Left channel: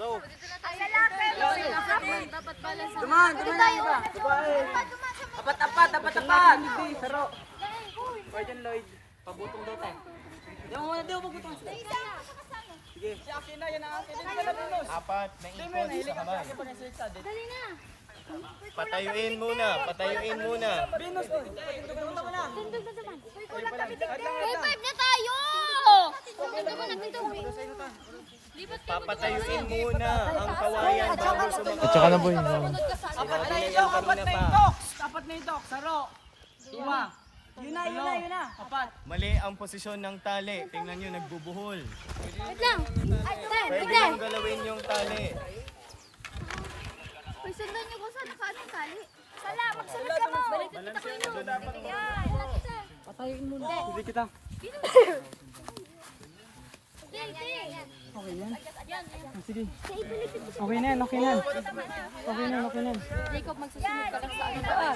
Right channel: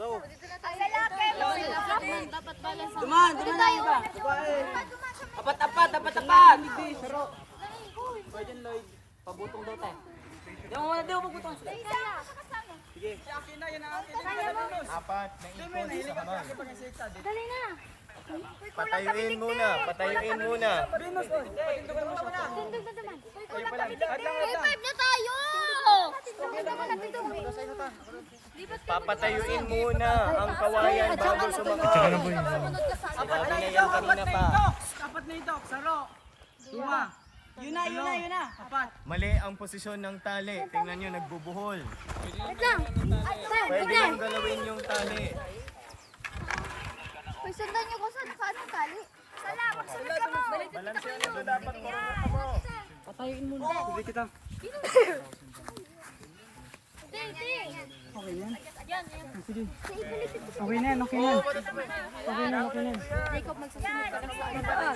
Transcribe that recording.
Go. Duman tayo. Apat. Pabutong daw tayo. Di mo pabutong. Sige. Apat na ikot sa kamay. Dali na. Patayuin muna. Revive na tayo. Papatayuin muna ang kawayan bago sumakay. Tsaka na boy. Apat na itok. Saro. Lima. Yun na. Apat. Mali ang posisyon ng tali. Tingnan nyo, nagbubuhol. Wait lang. Pwede yung galawin yung tali. Uy, sundan niyo kung saan ang tali. Salamat, sunod ka mo. Balanse nyo ito dapat marunong mo. Sige kita. Okay yan? Sige. Okay na yan. Jacob, magsusunod ka lang sa ano ba?